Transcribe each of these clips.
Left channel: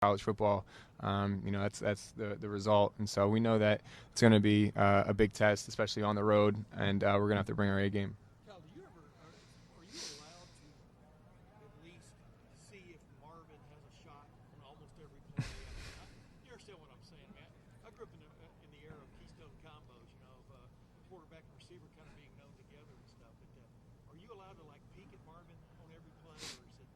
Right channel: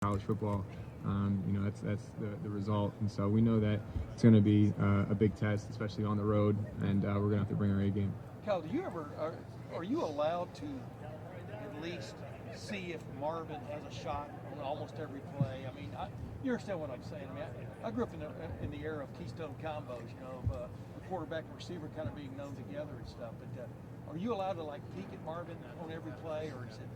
college football. That's the result, and so we know that it's going to be a big test, especially on the road, and we're going to have to bring our A game. Cal, do you ever are you allowed to at least see if Marvin has a shot on almost every play? I mean, you understand what I'm saying? I mean, I grew up in the era of Keystone combos, of the quarterback and receiver kind of being known together and stuff. But are you allowed to like peek at Marvin on every play, or is it?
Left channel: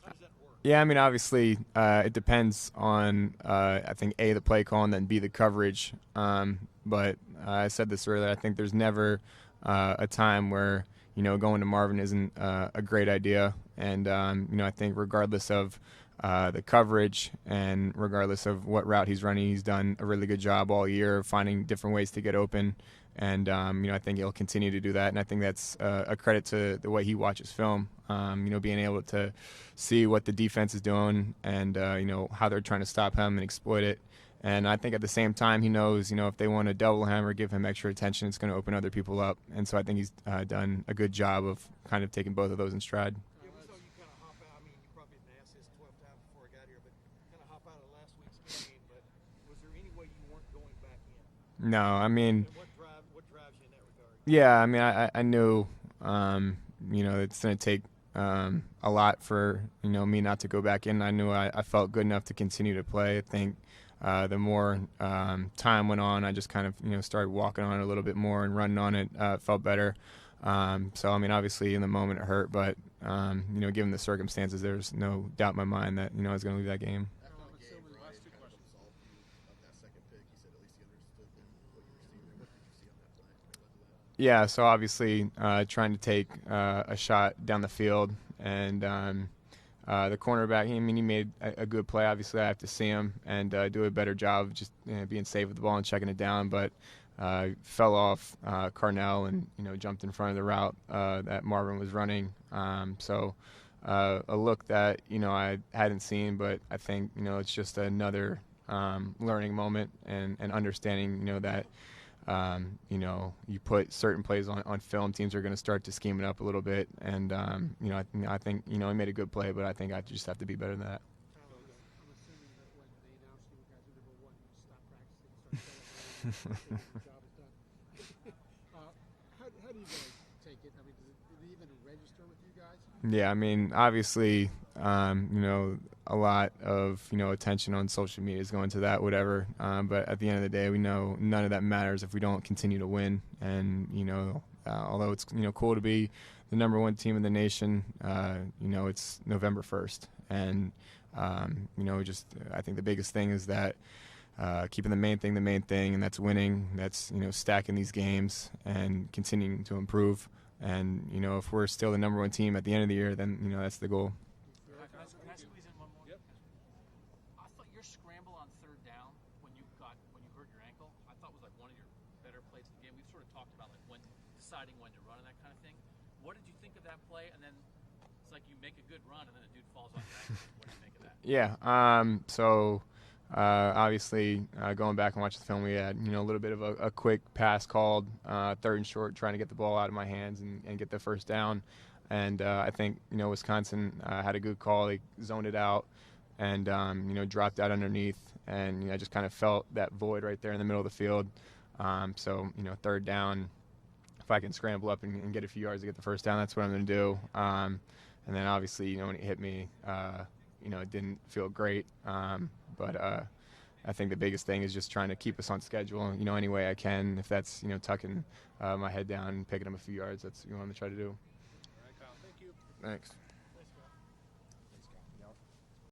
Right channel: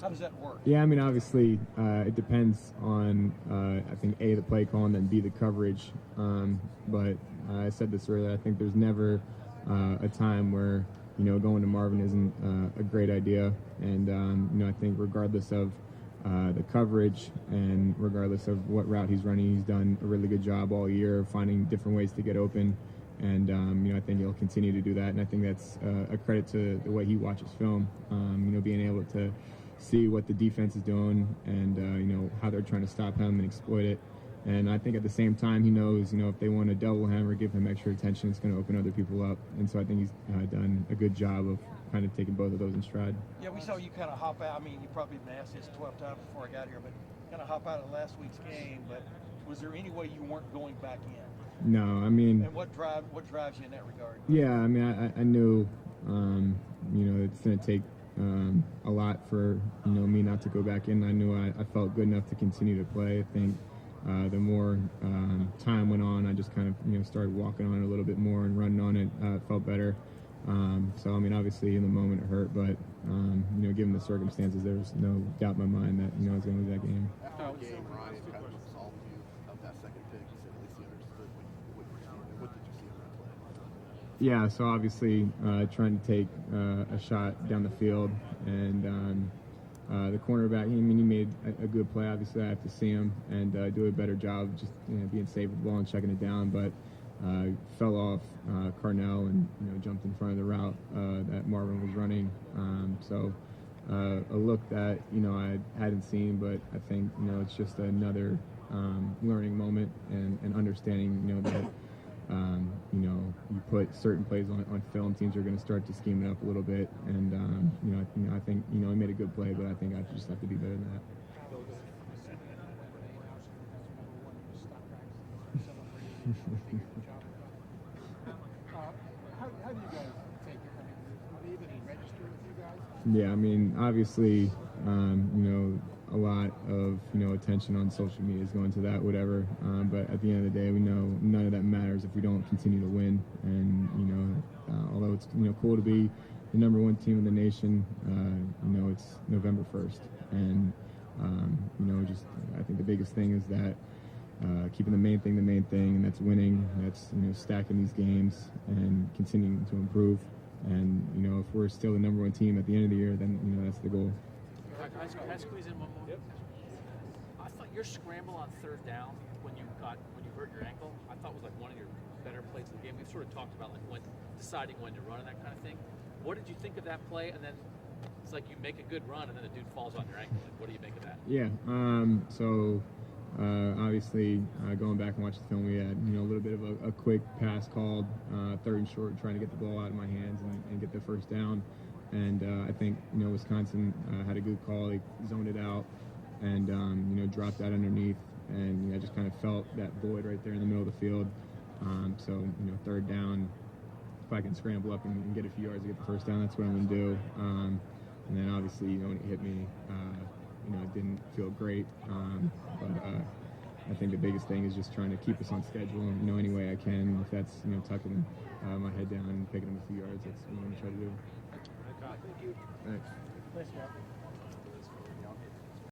How does that work? Yeah, I mean, obviously, it depends on, I think, A, the play call, and then B, the coverage. But I said this earlier, I think there's never a time where, going to Marvin isn't a great idea. And, I think regardless of the coverage and regardless of what route he's running, he's done a really good job all year of finding different ways to get open. And, I think he'll continue to do that. And I think that's a credit to the way he watches film, being able to see what the defense is doing and, how they're trying to stop him and exploit it. And I think at the same time, he knows, if they want to double him or give him extra attention, it's going to open other people up. And so I think he's done a good job of kind of taking both of those in stride. Yeah, we saw you kind of hop out. I mean, you probably been asked this 12 times before I got here, but kind of hop out of last week's game. But was there any way you weren't going back in? No, I mean. And what drives you in that regard? Yeah, I mean, I knew, it's going to take a lot for me not to go back in. I knew I felt good enough to continue to play. I think the more time went on, I just kind of started walking on it a little bit more and running on it. Felt better. So I mean, obviously in the moment it hurt, but given the circumstances, there's no doubt in my mind that I was going to lose that game. Yeah, so obviously trying to take a shot down the field, and the cornerback, he made a good play. Obviously, I have to see him and do a better job of just being safe with the ball and checking it down, but fell off Carnell and jumped in front of the route that Marvin was running. So a look that I hadn't seen, but I think it's just another learning moment and understanding that. You put certain plays on film, teams are going to start to scheme it up a little bit, and I think I made a good play, but I think I just have to be better than that. How do you guys take it? I mean, do they even register with you guys? Yeah, I mean, obviously, a lot of attention on social media is going to that, whatever. But at the end of the day, we know none of that matters if we don't continue to win. And although it's cool to be the number one team in the nation, it's November 1st, and just I think the biggest thing is that keeping the main thing, and that's winning. That's stacking these games and continuing to improve. And if we're still the number one team at the end of the year, then that's the goal. Can I squeeze in one more? Yep. I thought your scramble on third down when you hurt your ankle, I thought was like one of your better plays in the game. We've sort of talked about like deciding when to run and that kind of thing. What did you think of that play? And then it's like you make a good run and then the dude falls on your ankle. What do you make of that? Yeah. Obviously, going back and watching the film, we had a little bit of a quick pass called, third and short, trying to get the ball out of my hands and get the first down. And I think Wisconsin had a good call. They zoned it out and dropped out underneath, and I just kind of felt that void right there in the middle of the field. So third down, if I can scramble up and get a few yards to get the first down, that's what I'm going to do. And then obviously when it hit me, it didn't feel great. But I think the biggest thing is just trying to keep us on schedule, and any way I can. If that's tucking my head down and picking up a few yards, that's what I'm going to try to do. Thank you. Thanks.